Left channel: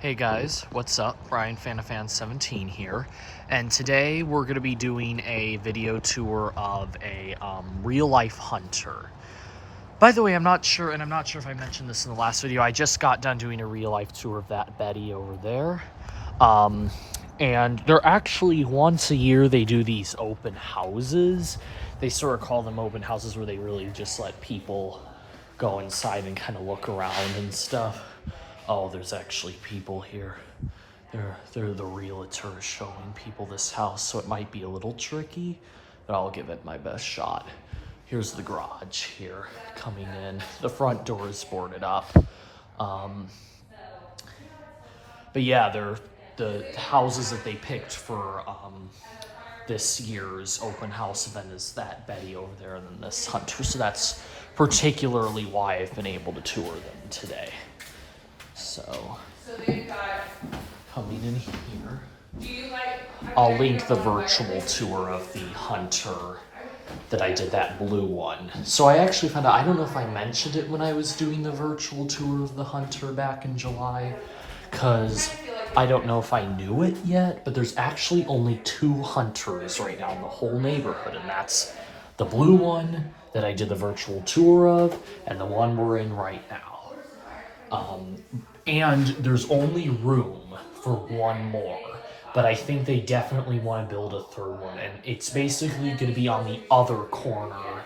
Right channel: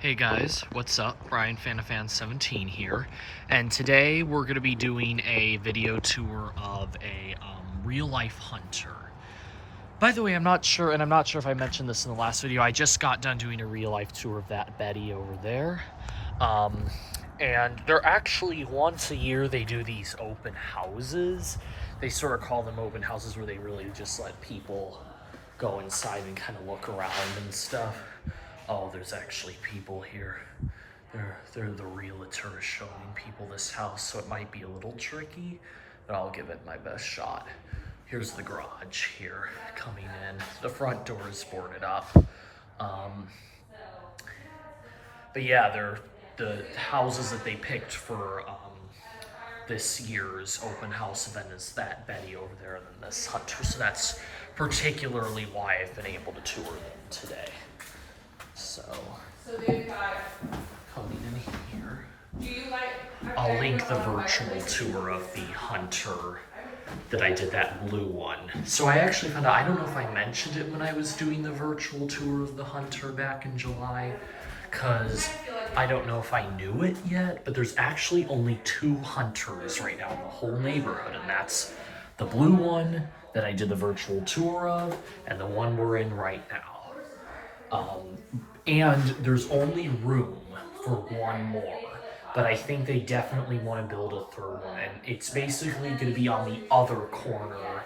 Hey guys, what's up? Brian Fanafan17 here, and today we're going to be doing a video tour of a real-life hunter. By the way, I'm not sure if I mentioned this in the last video, I just got done doing a real-life tour of that Betty over there. And they're actually, once a year, they do these open houses. They sort of call them open houses where they really just let people go inside and kind of look around and stuff. Oh, there's actually people here. They're the realtors showing people this house, so it might be a little tricky, but I'll give it my best shot. Here's the garage here coming in. The front door is boarded up. But yeah, they're the houses that they picked for this year's open house event is that Betty over there and then this hunter. So that's particularly why I've been able to tour them today. So they've got coming in here. I'll link the virtual tour of the hunter that I did, that blue one. So I actually found out, I don't know if I mentioned it when I was doing the virtual tour of the hunter back in July, because I don't know if I knew it yet, but there's actually only 2 hunters right now in the whole neighborhood, and that's the blue one that I did the virtual tour of, and the one we're in right now. And there's only room for one more, but I think they definitely want to build a 3rd one, and it's basically going to be on the other corner,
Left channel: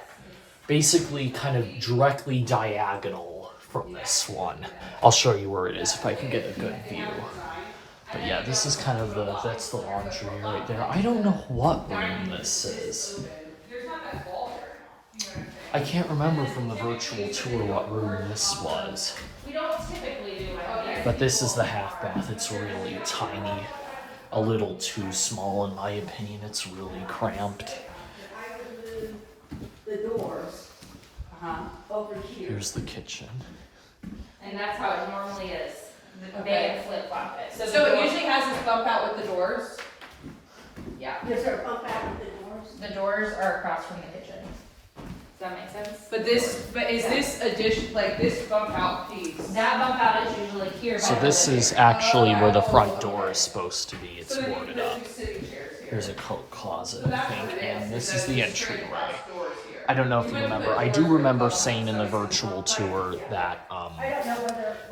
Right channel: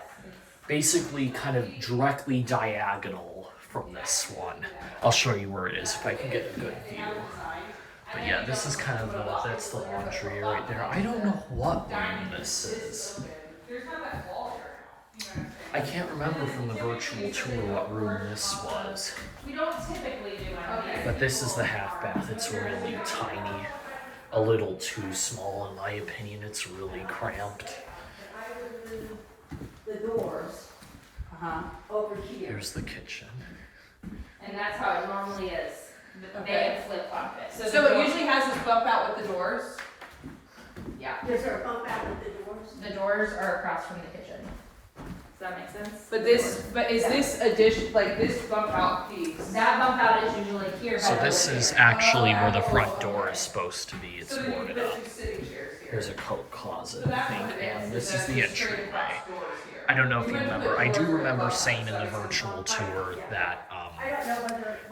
basically kind of directly diagonal from this one. I'll show you where it is if I can get a good view. But yeah, this is kind of that's the laundry right there. I don't know what room this is. I can't remember from the virtual tour what room this was. We don't typically do it. But this is the half bath. It's really tiny. A little too small in my opinion. It's really cramped. I would move the doors over here. Here's the kitchen. And that's how it normally is. They flip-flop it. So it usually has this bump out with the doors? Yeah. Is there a bump out with the doors? The doors are across from the kitchen. Does that make sense? But is this addition, like this bump out piece? That bump out is usually here. So this is actually where the front door is supposed to be. It's So boarded up. Here's a coat closet, I think, and this is the entryway. I don't know if you remember. I do remember saying in the virtual tour that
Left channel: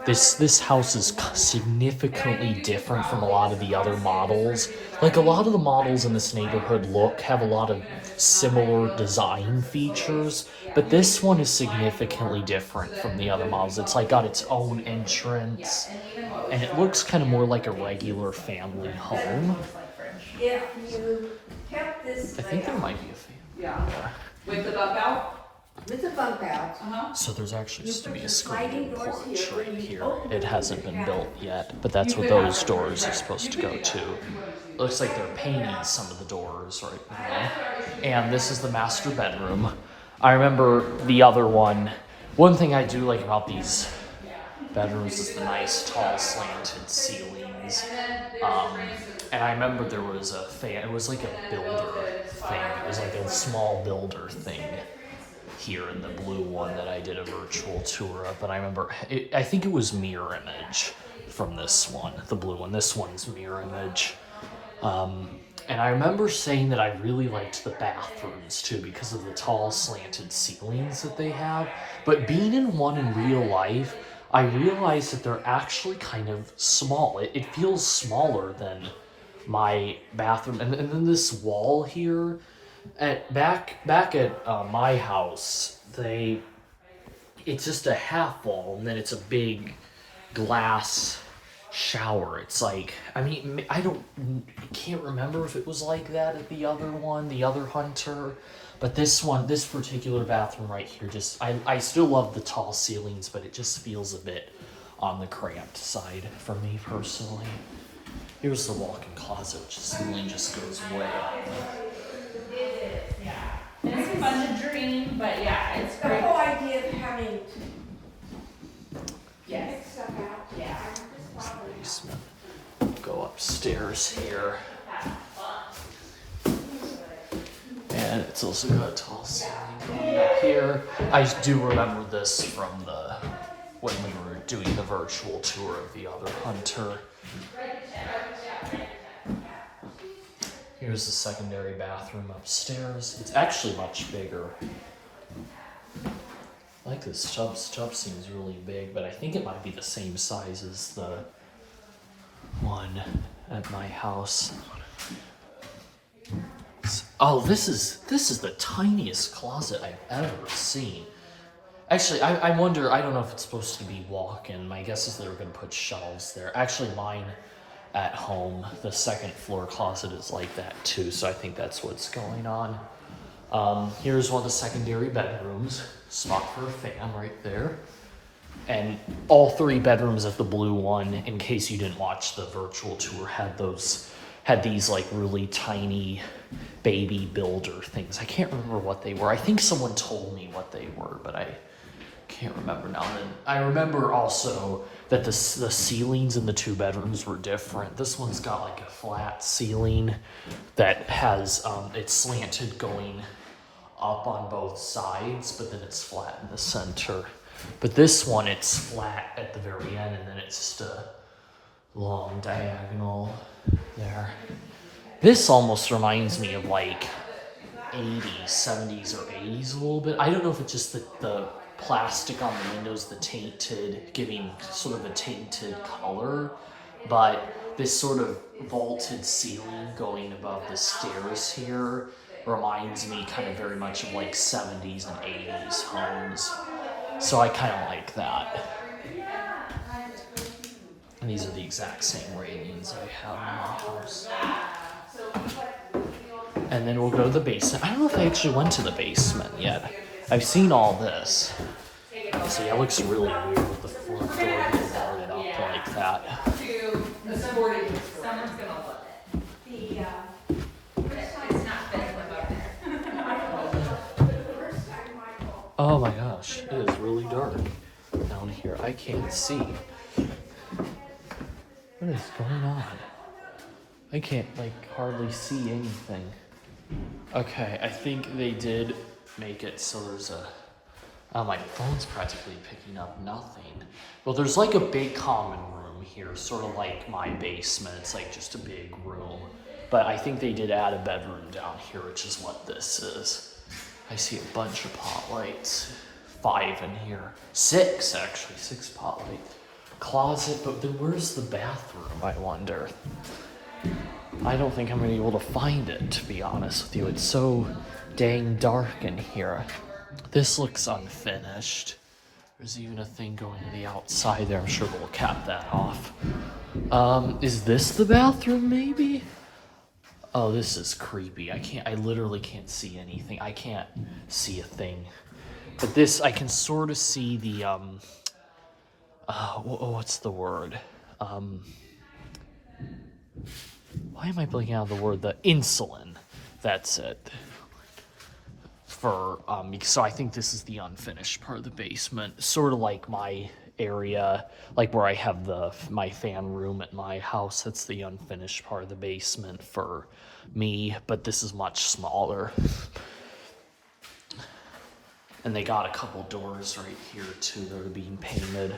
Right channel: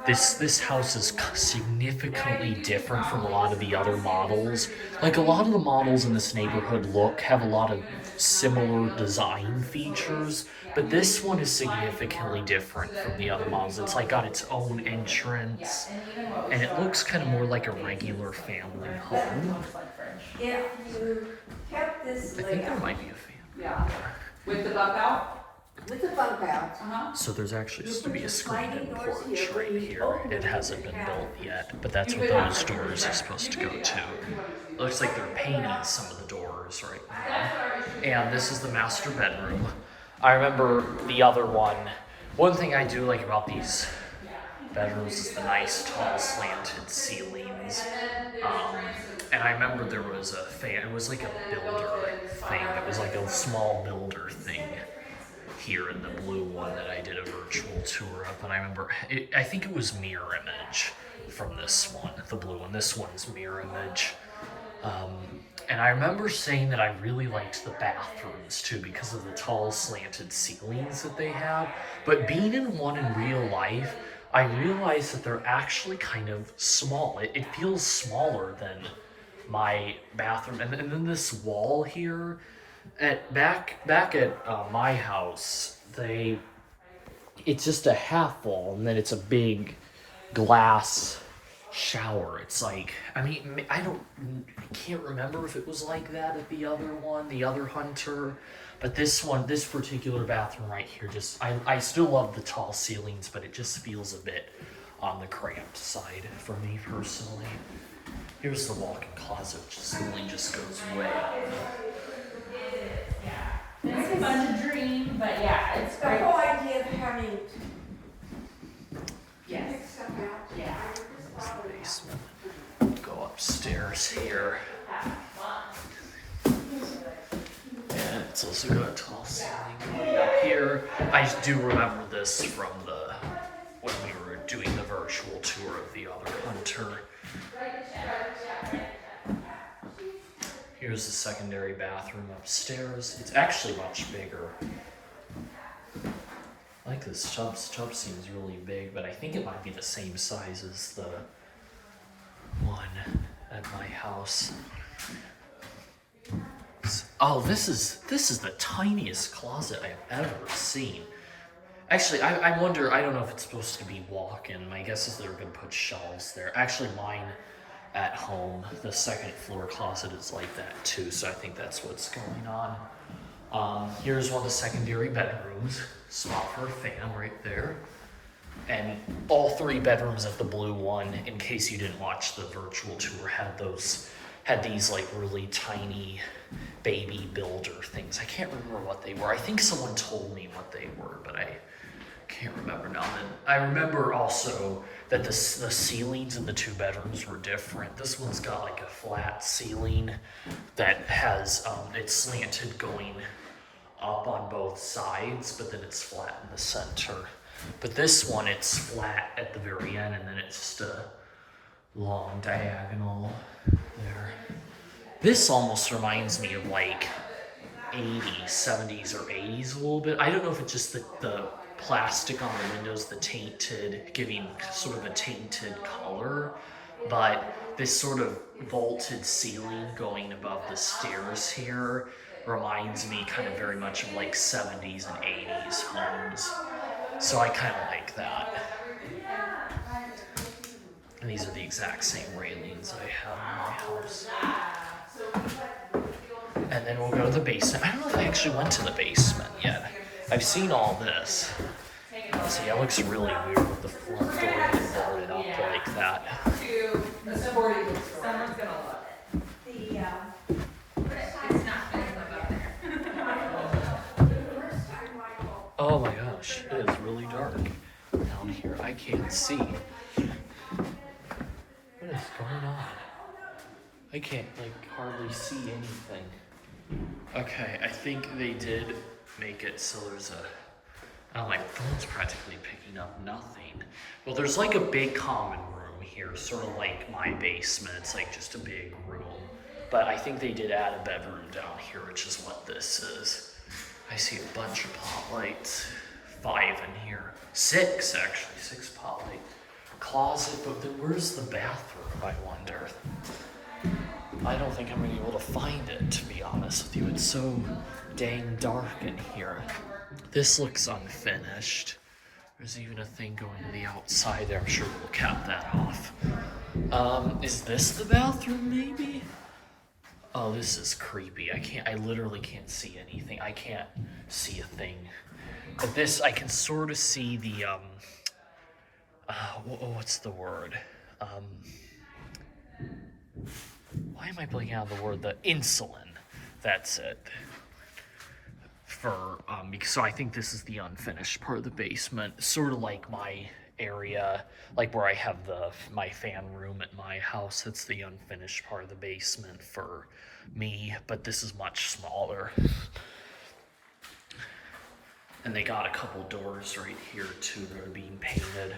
this house is significantly different from a lot of the other models. Like a lot of the models in this neighborhood have a lot of similar design features, but this one is significantly different from the other models. It's like got its own entrance, and it looks kind of more like a regular family home. If you kept this I think there might be a fan. Yeah. With the bump out? with the bump out, So there's actually supposed to be a screened porch right here. It hasn't been built yet, but that's what those doors are supposed to go to. Looks like they're painting some of the doors right now. And this is the master bedroom. I remember the other one. One thing I do like about these bedrooms is the nice tall slanted ceilings. And I remember there was a fan, it was like a builder thing. It was like a small builder thing here in the blue one that I did a virtual tour of. And I remember, I think it was mirror image from this one, the blue one. This one's mirror image. And I remember saying that I really liked the bathrooms too because of the tall slanted ceilings that they have. But being in one in real life, I realized that they're actually kind of small. It feels smaller than my bathroom. And then this wall here, back at my house, it's just a half wall, and then it's a big glass shower. It's like, I mean, I can't remember if it was like that at the other one, the other hunter, but this particular bathroom right here, I still love the tall ceilings, but it just feels a bit on the cramped side for me personally. Here's the walk-in closet, ceiling just goes way up. It's fun to dream, but yeah, it's the great. whole idea of having Yes. pick stuff out. Yeah. Here's the basement. Go upstairs here. And it's also got a tall ceiling going up here. I do remember this from when we were doing the virtual tour of the other hunter. Here's the secondary bathroom upstairs. It's actually much bigger. I like this tub. This tub seems really big, but I think it might be the same size as the one at my house. Oh, this is the tiniest closet I've ever seen. Actually, I wonder, I don't know if it's supposed to be walk-in. My guess is they're gonna put shelves there. Actually, mine at home, the second floor closet is like that too, so I think that's what's going on. Here's one of the secondary bedrooms. Spot for a fan right there. And all 3 bedrooms of the blue one, in case you didn't watch the virtual tour, had these like really tiny baby builder things. I can't remember what they were. I think someone told me what they were, but I can't remember now. And I remember also that the ceilings in the 2 bedrooms were different. This one's got like a flat ceiling that has, it's slanted going up on both sides, but then it's flat in the center. But this one, it's flat at the very end, and then it's just a long diagonal there. This almost reminds me of like 80s, 70s, or 80s a little bit. I don't know if it's just the plastic on the windows, the tainted, giving sort of a tainted color, but this sort of vaulted ceiling going above the stairs here reminds me kind of very much of like 70s and 80s homes. So I kind of like that. And these are the exact same railings I have in my house. And then we'll go to the basement. I don't know if I actually went to the basement yet. I've seen all this. See, it looks really weird with the front door being boarded up like that. Oh my gosh, it is really dark down here. I can't see. What is going on? I can't like hardly see anything. Okay, I think they did make it so there's a... Oh, my phone's practically picking up nothing. Well, there's like a big common room here, sort of like my basement. It's like just a big room. But I think they did add a bedroom down here, which is what this is. I see a bunch of pot lights. 5 in here. 6, actually. 6 pot lights. Closet, but then where's the bathroom, I wonder? I don't think I'm gonna be able to find it, to be honest with you. It's so dang dark in here. This looks unfinished. There's even a thing going to the outside there. I'm sure we'll cap that off. Is this the bathroom, maybe? Oh, this is creepy. I literally can't see anything. I can't see a thing. But this, I can sort of see the, what's the word? Why am I blanking out the word? The insulin. That's it. So I think this is the unfinished part of the basement, sort of like my area, like where I have my fan room at my house. That's the unfinished part of the basement for me, but this is much smaller. And they got a couple doors right here too that are being painted,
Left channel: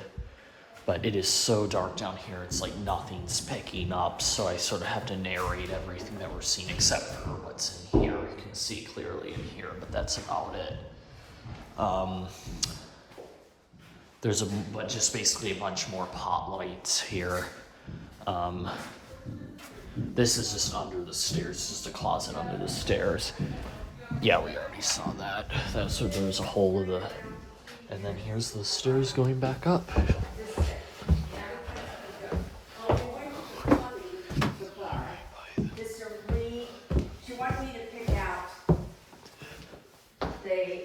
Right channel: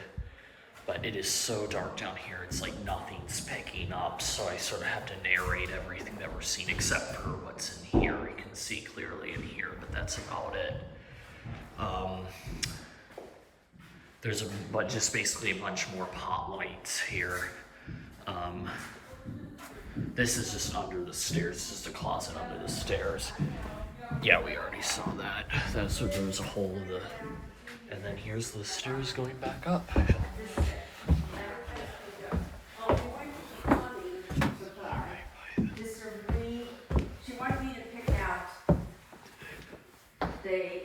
but it is so dark down here, it's like nothing's picking up, so I sort of have to narrate everything that we're seeing except for what's in here. You can see clearly in here, but that's about it. There's but just basically a bunch more pot lights here. This is just under the stairs. It's just a closet under the stairs. Yeah, we already saw that. That's so there's a hole of the, and then here's the stairs going back up. She wanted me to pick out the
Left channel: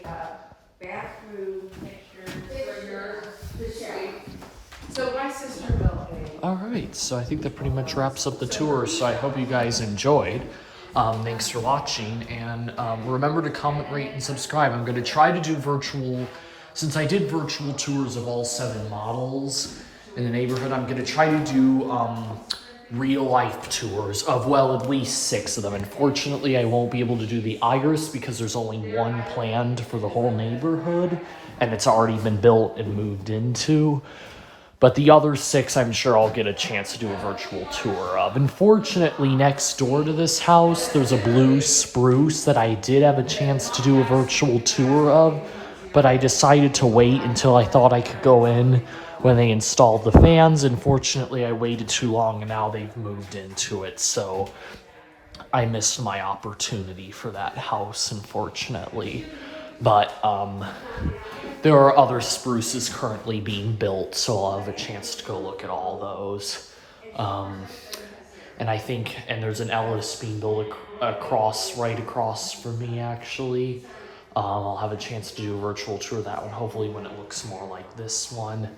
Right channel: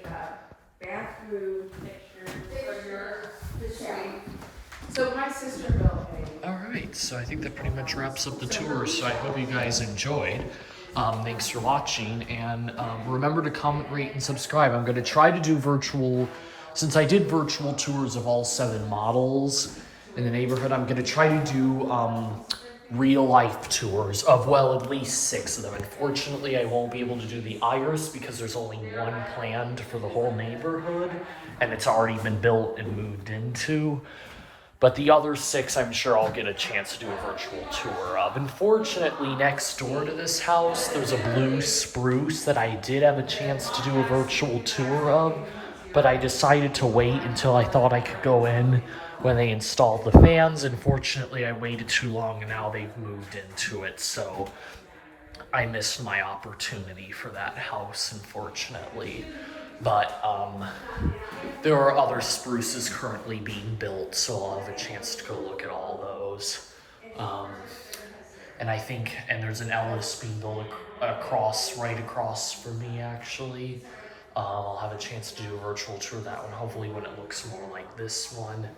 bathroom pictures, the shower. So my sister built a... All right, so I think that pretty much wraps up the tour. So I hope you guys enjoyed. Thanks for watching, and remember to comment, rate, and subscribe. I'm going to try to do virtual, since I did virtual tours of all 7 models in the neighborhood, I'm going to try to do real-life tours of, well, at least 6 of them. Unfortunately, I won't be able to do the Iris because there's only 1 planned for the whole neighborhood, and it's already been built and moved into. But the other 6, I'm sure I'll get a chance to do a virtual tour of. Unfortunately, next door to this house, there's a blue spruce that I did have a chance to do a virtual tour of, but I decided to wait until I thought I could go in when they installed the fans. Unfortunately, I waited too long and now they've moved into it, so I missed my opportunity for that house, unfortunately. But there are other spruces currently being built, so I'll have a chance to go look at all those. And I think, and there's an Ellis being built right across from me, actually. I'll have a chance to do a virtual tour of that one, hopefully when it looks more like this one.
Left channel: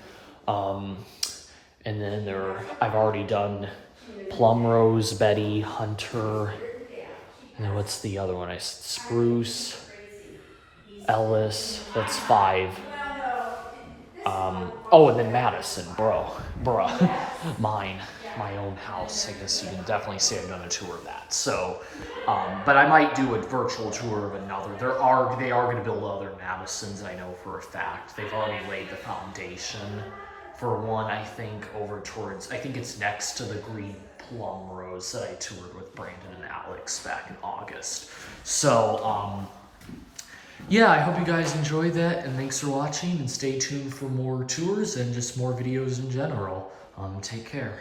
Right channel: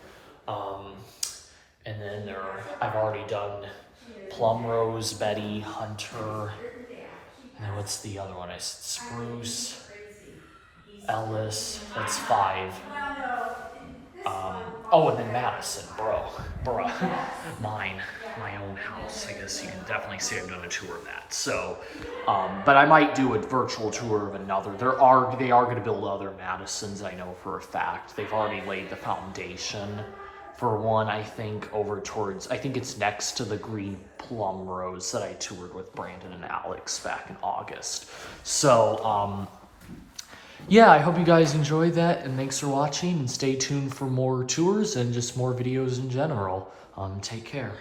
And then I've already done Plumrose, Betty, Hunter, and then what's the other one? I said Spruce, Ellis, that's 5. Oh, and then Madison, bruh, my own house. I guess you can definitely say I've done a tour of that. So, but I might do a virtual tour of another. They are going to build other Madisons, I know for a fact. They've already laid the foundation for one, I think, over towards, I think it's next to the green plum rose that I toured with Brandon and Alex back in August. So, yeah, I hope you guys enjoyed that, and thanks for watching, and stay tuned for more tours and just more videos in general. Take care.